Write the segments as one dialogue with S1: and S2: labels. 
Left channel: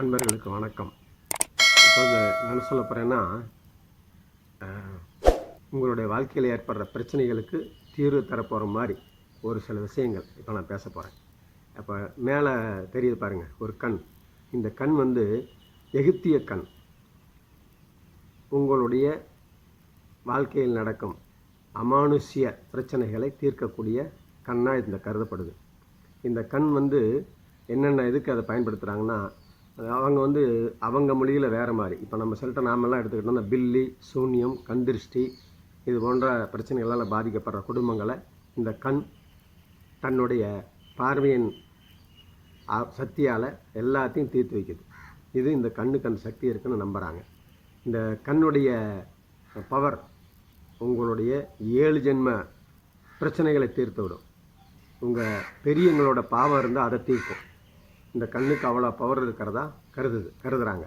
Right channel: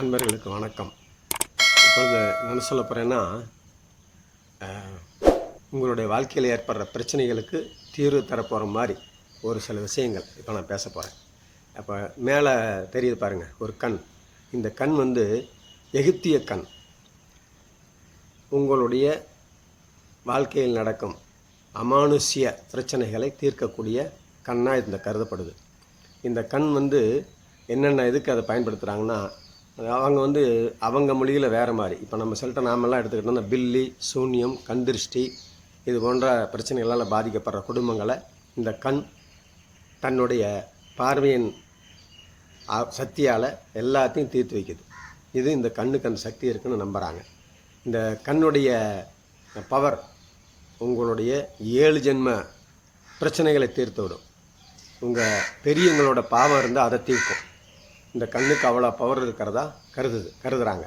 S1: அன்பர்களுக்கு வணக்கம். இப்போ என்ன சொல்ல போகிறேன்னா உங்களுடைய வாழ்க்கையில் ஏற்படுற பிரச்சனைகளுக்கு தீர்வு தரப்போகிற மாதிரி ஒரு சில விஷயங்கள் இப்போ நான் பேச போகிறேன் அப்போ மேலே தெரியுது பாருங்கள் ஒரு கண். இந்த கண் வந்து எகிப்திய கண். உங்களுடைய வாழ்க்கையில் நடக்கும் அமானுஷ்ய பிரச்சனைகளை தீர்க்கக்கூடிய கண்ணாக இந்த கருதப்படுது. இந்த கண் வந்து என்னென்ன இதுக்கு அதை பயன்படுத்துகிறாங்கன்னா அவங்க வந்து அவங்க மொழியில் வேறு மாதிரி. இப்போ நம்ம சொல்லிட்ட நாமெல்லாம் எடுத்துக்கிட்டோம்னா பில்லி சூன்யம் கந்திருஷ்டி இது போன்ற பிரச்சனைகளால் பாதிக்கப்படுற குடும்பங்களை இந்த கண் தன்னுடைய பார்வையின் சக்தியால் எல்லாத்தையும் தீர்த்து வைக்குது. இது இந்த கண்ணுக்கு அந்த சக்தி இருக்குன்னு நம்புகிறாங்க இந்த கண்ணுடைய பவர் உங்களுடைய ஏழு ஜென்ம பிரச்சனைகளை தீர்த்து விடும். உங்கள் பெரியவங்களோட பாவம் இருந்தால் அதை தீர்க்கும். இந்த கண்ணுக்கு அவ்வளோ பவர் இருக்கிறதா? கருதுது கருதுகிறாங்க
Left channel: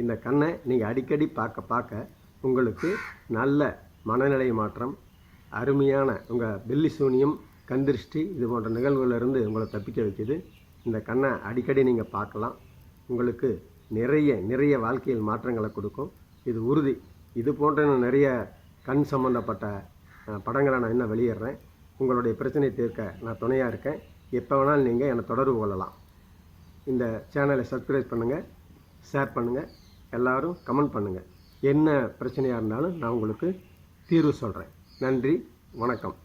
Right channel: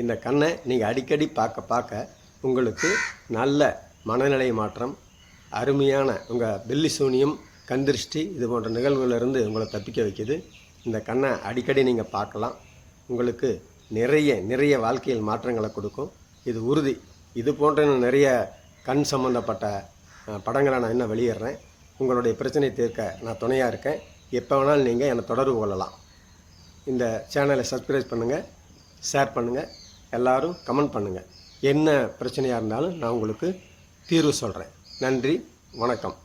S1: இந்த கண்ணை நீங்கள் அடிக்கடி பார்க்க பார்க்க உங்களுக்கு நல்ல மனநிலை மாற்றம் அருமையான உங்கள் பில்லி சூனியம் கந்திருஷ்டி இது போன்ற நிகழ்வுகளிலிருந்து உங்களை தப்பிக்க வைக்குது. இந்த கண்ணை அடிக்கடி நீங்கள் பார்க்கலாம். உங்களுக்கு நிறைய நிறைய வாழ்க்கையில் மாற்றங்களை கொடுக்கும். இது உறுதி. இது போன்ற நிறைய கண் சம்மந்தப்பட்ட படங்களை நான் இன்னும் வெளியிடுறேன். உங்களுடைய பிரச்சனை தீர்க்க நான் துணையாக இருக்கேன். எப்போ வேணாலும் நீங்கள் என்னை தொடர்பு கொள்ளலாம். இந்த சேனலை சப்ஸ்கிரைப் பண்ணுங்கள் ஷேர் பண்ணுங்கள் எல்லோரும் கமெண்ட் பண்ணுங்கள் என்ன பிரச்சனையாக இருந்தாலும் நான் உங்களுக்கு தீர்வு சொல்கிறேன் நன்றி வணக்கம்.